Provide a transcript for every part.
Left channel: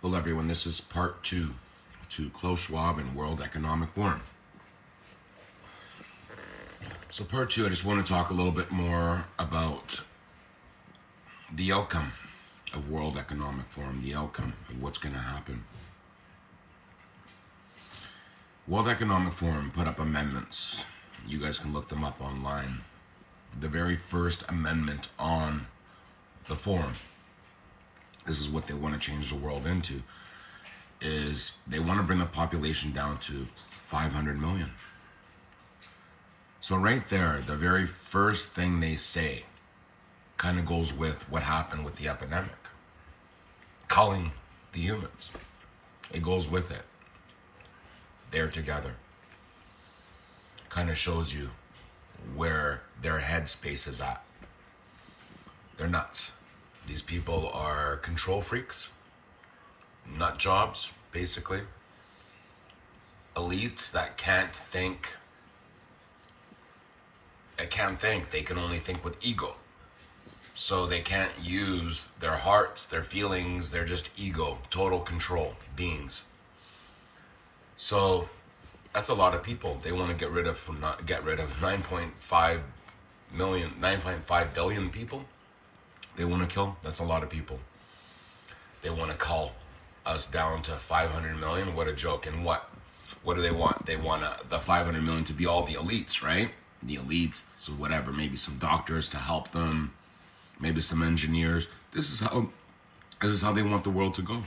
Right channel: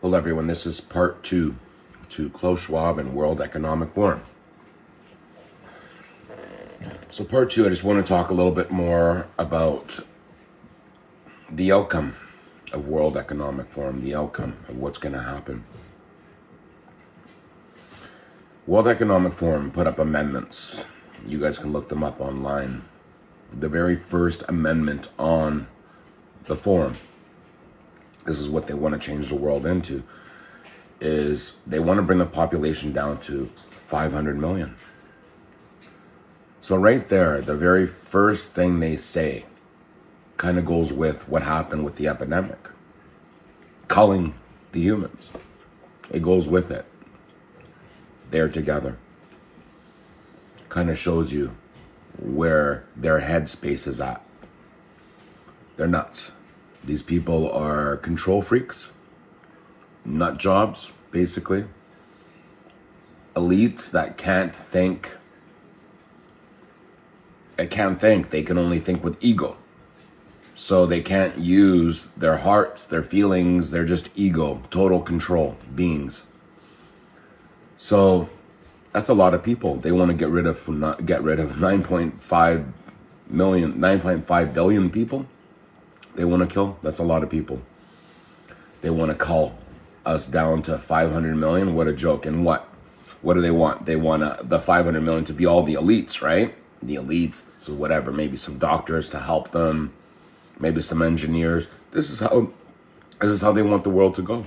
Hello everyone, this is part 2 to Klaus Schwab and World Economic Forum. So part 2, I just want to talk a little bit more about the outcome of World Economic Forum, the outcome of what's going to happen. World Economic Forum put up amendments. You guys can look them up online. The very first amendment on the forum, this is what they want to change the world into, is they want to bring the population down to 500 million. So right there, the very first thing they say kind of goes with what happened with the epidemic, culling the humans. It goes with it. They're together. Kind of shows you where their headspace is at. They're nuts. These people are control freaks, nut jobs, basically. Elites that can't think. They can't think. They can only think with ego. So they can't use their hearts, their feelings. They're just ego, total control beings. So that's a lot of people. They want to get rid of 9.5 billion people. They want to kill. That's a lot of people. They want to cull us down to 500 million. What a joke. And what do they want? They want the 500 million to be all the elites, right? The elites, so whatever, maybe some doctors to help them, maybe some engineers. This is how they want the world to go.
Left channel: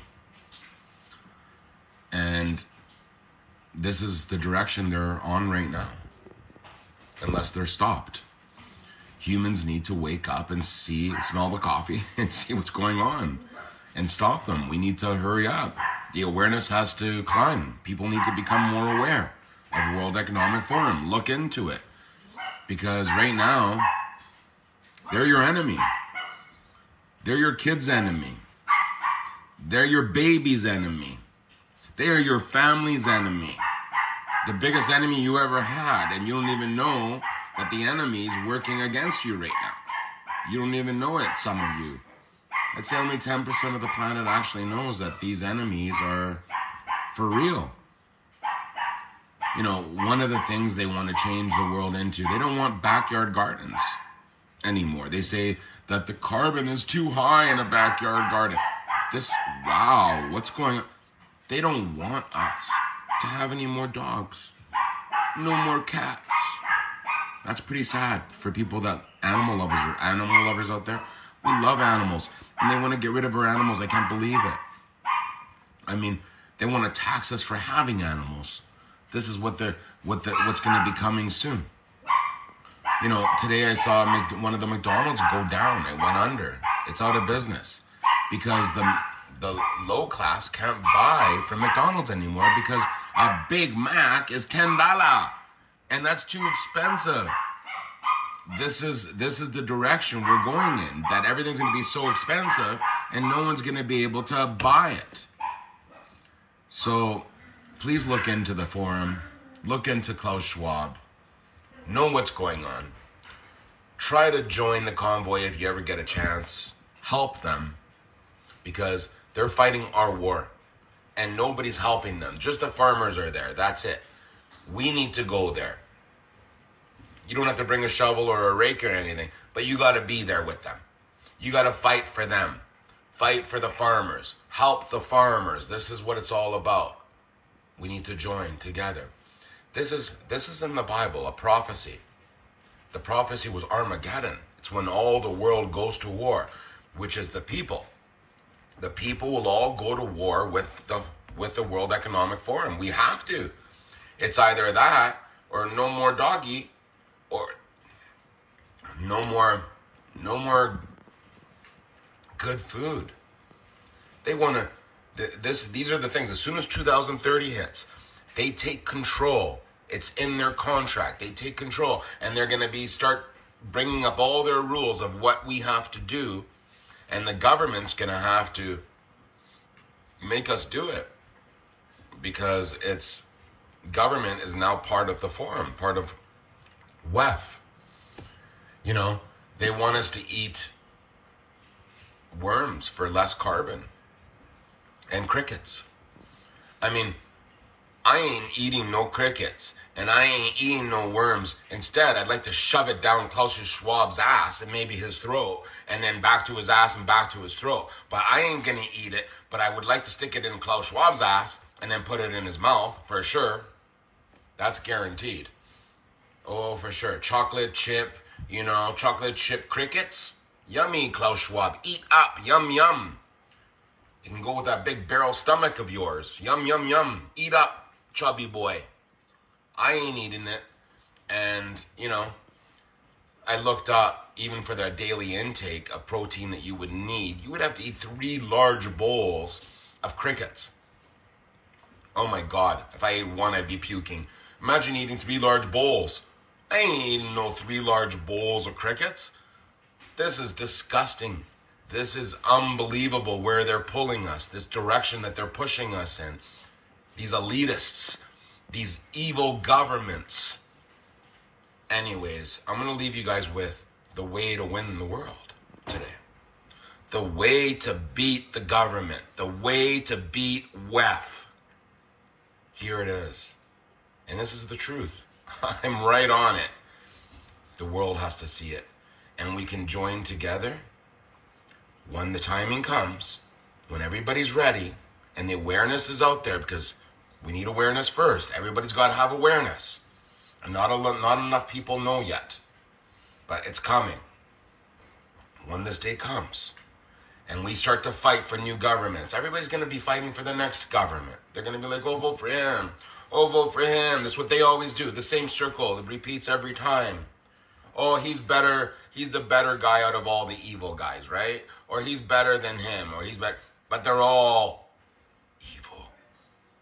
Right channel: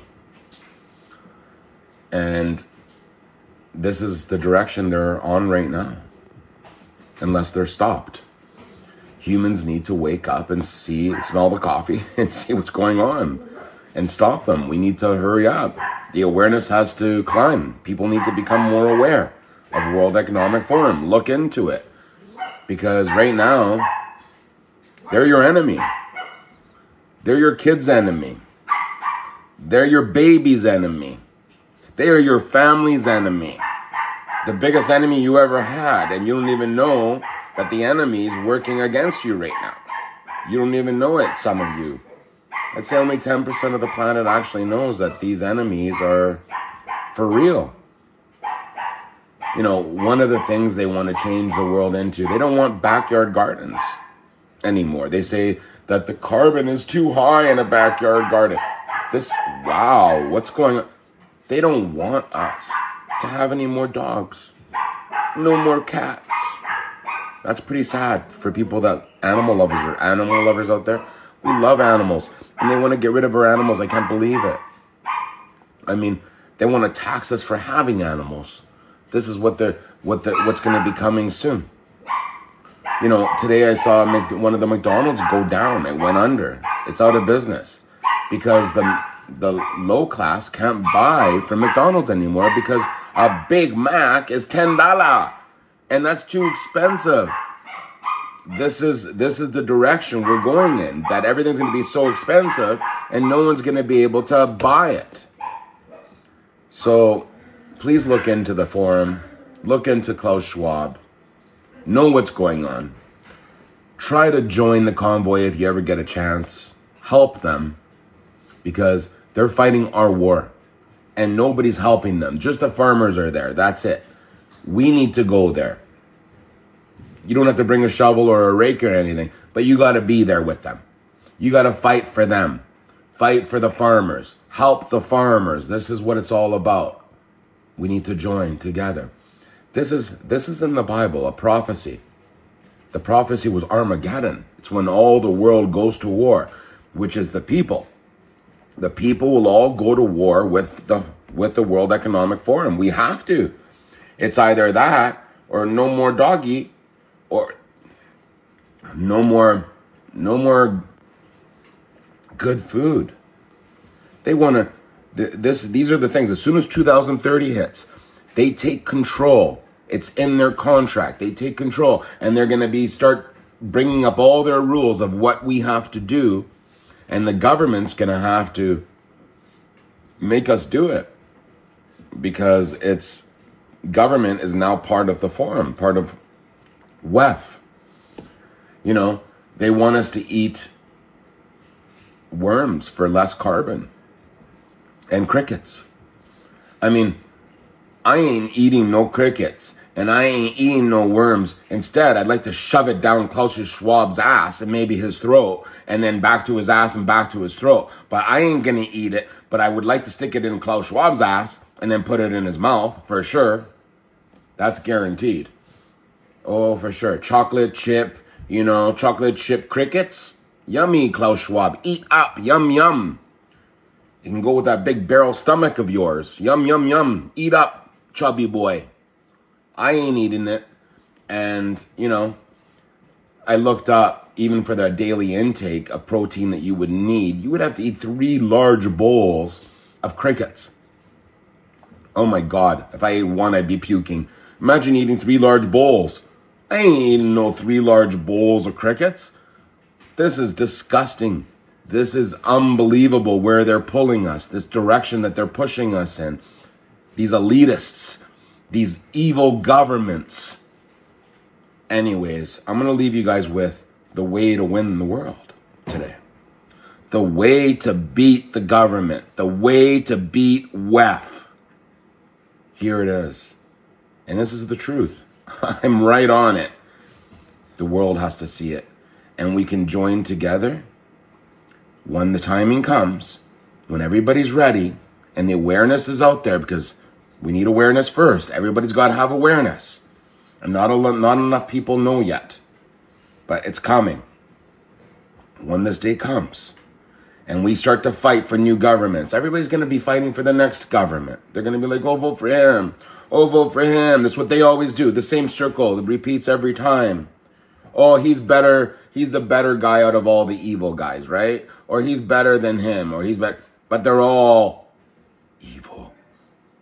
And this is the direction they're on right now, unless they're stopped. Humans need to wake up and smell the coffee and see what's going on and stop them. We need to hurry up. The awareness has to climb. People need to become more aware of World Economic Forum. Look into it. Because right now, they're your enemy. They're your kid's enemy. They're your baby's enemy. They are your family's enemy. The biggest enemy you ever had. And you don't even know that the enemy is working against you right now. You don't even know it, some of you. I'd say only 10% of the planet actually knows that these enemies are for real. You know, one of the things they want to change the world into, they don't want backyard gardens anymore. They say that the carbon is too high in a backyard garden. Wow, what's going on? They don't want us to have any more dogs. No more cats. That's pretty sad for people that animal lovers out there. We love animals, and they want to get rid of our animals. I can't believe it. I mean, they want to tax us for having animals. This is what's going to be coming soon. You know, today I saw one of the McDonald's go down. It went under. It's out of business because the low class can't buy from McDonald's anymore because a Big Mac is $10. And that's too expensive. This is the direction we're going in, that everything's going to be so expensive and no one's going to be able to buy it. So please look into the forum, look into Klaus Schwab, know what's going on. Try to join the convoy if you ever get a chance. Help them because they're fighting our war and nobody's helping them. Just the farmers are there. That's it. We need to go there. You don't have to bring a shovel or a rake or anything, but you got to be there with them. You got to fight for them. Fight for the farmers. Help the farmers. This is what it's all about. We need to join together. This is in the Bible, a prophecy. The prophecy was Armageddon. It's when all the world goes to war, which is the people. The people will all go to war with the World Economic Forum. We have to. It's either that or no more doggy or no more good food. They want to, these are the things. As soon as 2030 hits, they take control. It's in their contract. They take control and they're going to start bringing up all their rules of what we have to do. And the government's going to have to make us do it because government is now part of the forum, part of WEF. You know, they want us to eat worms for less carbon. and crickets. I mean, I ain't eating no crickets, and I ain't eating no worms. Instead, I'd like to shove it down Klaus Schwab's ass and maybe his throat, and then back to his ass and back to his throat. But I ain't gonna eat it, but I would like to stick it in Klaus Schwab's ass and then put it in his mouth, for sure. That's guaranteed. Oh, for sure. Chocolate chip, you know, chocolate chip crickets. Yummy, Klaus Schwab. Eat up. Yum, yum. You can go with that big barrel stomach of yours. Yum, yum, yum. Eat up, chubby boy. I ain't eating it. And, you know, I looked up, even for the daily intake of protein that you would need, you would have to eat 3 large bowls of crickets. Oh my God. If I ate one, I'd be puking. Imagine eating 3 large bowls. I ain't eating no 3 large bowls of crickets. This is disgusting. This is unbelievable where they're pulling us, this direction that they're pushing us in. These elitists, these evil governments. Anyways, I'm going to leave you guys with the way to win the world today. The way to beat the government. The way to beat WEF. Here it is. And this is the truth. I'm right on it. The world has to see it. And we can join together when the timing comes, when everybody's ready and the awareness is out there, because we need awareness first. Everybody's got to have awareness. And not enough people know yet. But it's coming. When this day comes and we start to fight for new governments, everybody's going to be fighting for the next government. They're going to be like, oh, vote for him. Oh, vote for him. That's what they always do. The same circle. It repeats every time. Oh, he's better. He's the better guy out of all the evil guys, right? Or he's better than him, or he's better. But they're all evil.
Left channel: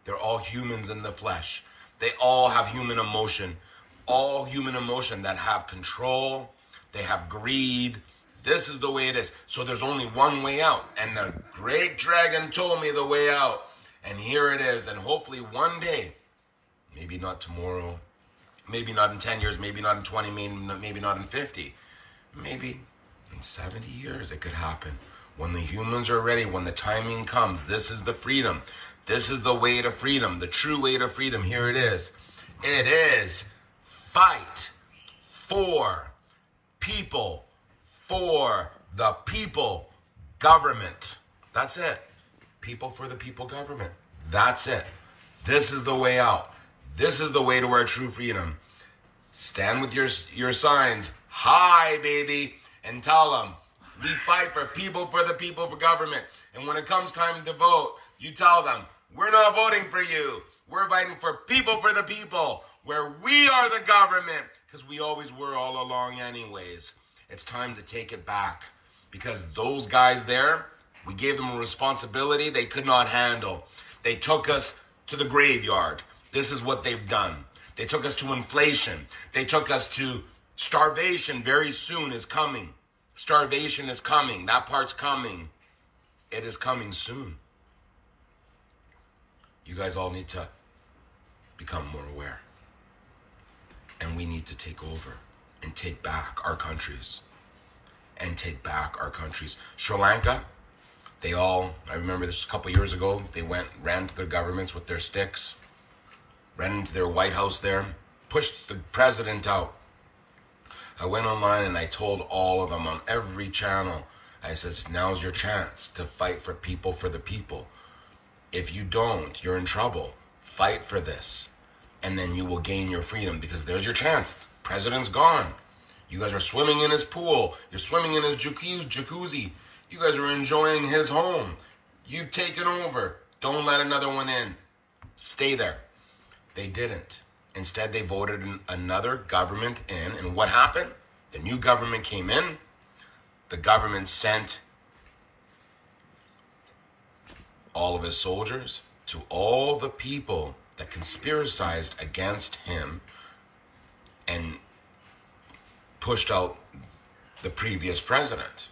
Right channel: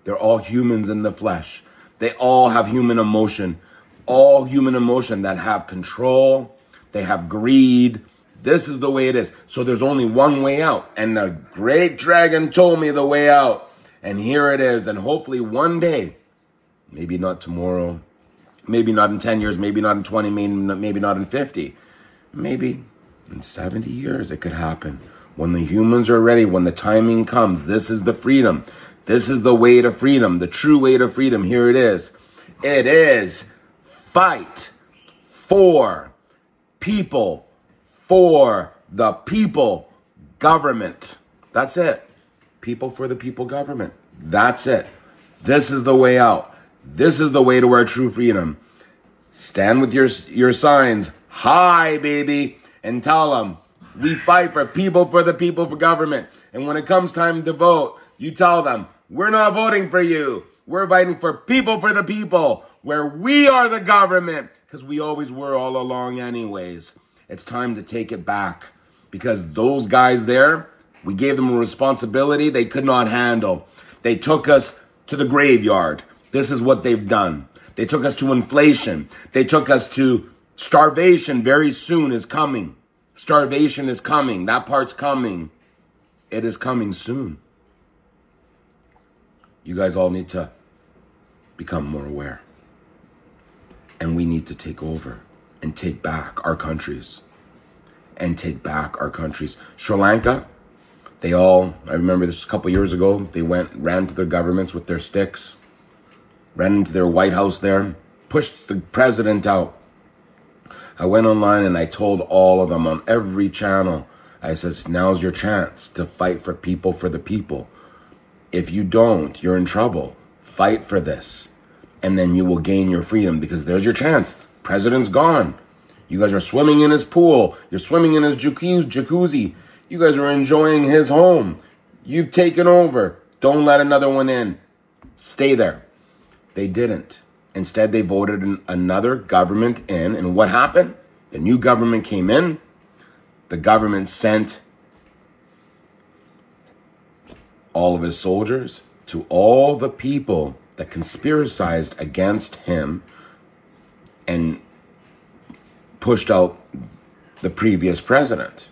They're all humans in the flesh. They all have human emotion. All human emotion that have control. They have greed. This is the way it is. So there's only one way out. And the great dragon told me the way out. And here it is. And hopefully one day, maybe not tomorrow, maybe not in 10 years, maybe not in 20, maybe not in 50. Maybe in 70 years it could happen. When the humans are ready, when the timing comes, this is the freedom. This is the way to freedom, the true way to freedom. Here it is. It is fight for people, for the people, government. That's it. People for the people, government. That's it. This is the way out. This is the way to our true freedom. Stand with your signs high, baby, and tell them, we fight for people, for the people, for government. And when it comes time to vote, you tell them, we're not voting for you. We're fighting for people, for the people, where we are the government, because we always were all along anyways. It's time to take it back, because those guys there, we gave them a responsibility they could not handle. They took us to the graveyard. This is what they've done. They took us to inflation. They took us to starvation. Very soon is coming. Starvation is coming. That part's coming. It is coming soon. You guys all need to become more aware. And we need to take over and take back our countries. And take back our countries. Sri Lanka, I remember this a couple years ago, they ran to their governments with their sticks. Ran into their White House there, pushed the president out. I went online and I told all of them on every channel, I says, now's your chance to fight for people, for the people. If you don't, you're in trouble. Fight for this. And then you will gain your freedom, because there's your chance. President's gone. You guys are swimming in his pool. You're swimming in his jacuzzi. You guys are enjoying his home. You've taken over. Don't let another one in. Stay there. They didn't. Instead, they voted another government in. And what happened? The new government came in. The government sent all of his soldiers to all the people that conspiracized against him and pushed out the previous president.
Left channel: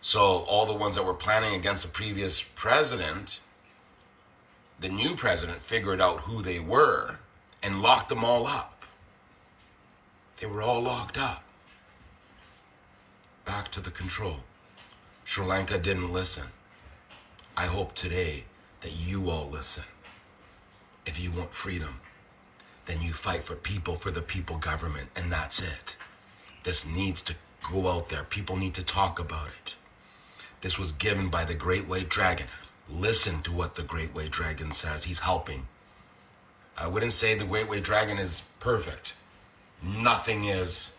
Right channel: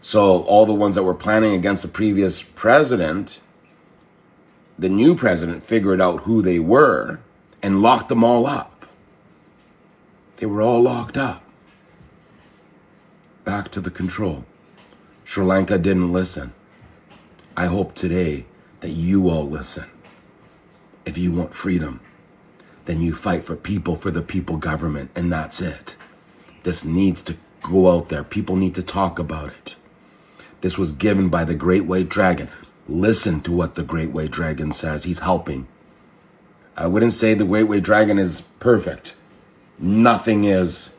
So all the ones that were planning against the previous president, the new president figured out who they were and locked them all up. They were all locked up. Back to the control. Sri Lanka didn't listen. I hope today that you all listen. If you want freedom, then you fight for the people government, and that's it. This needs to go out there. People need to talk about it. This was given by the Great White Dragon. Listen to what the Great White Dragon says. He's helping. I wouldn't say the Great White Dragon is perfect. Nothing is.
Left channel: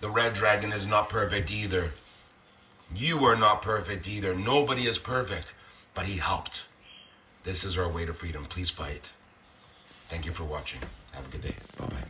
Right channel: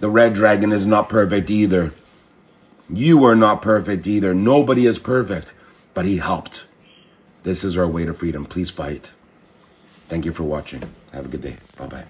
The Red Dragon is not perfect either. You are not perfect either. Nobody is perfect, but he helped. This is our way to freedom. Please fight. Thank you for watching. Have a good day. Bye-bye.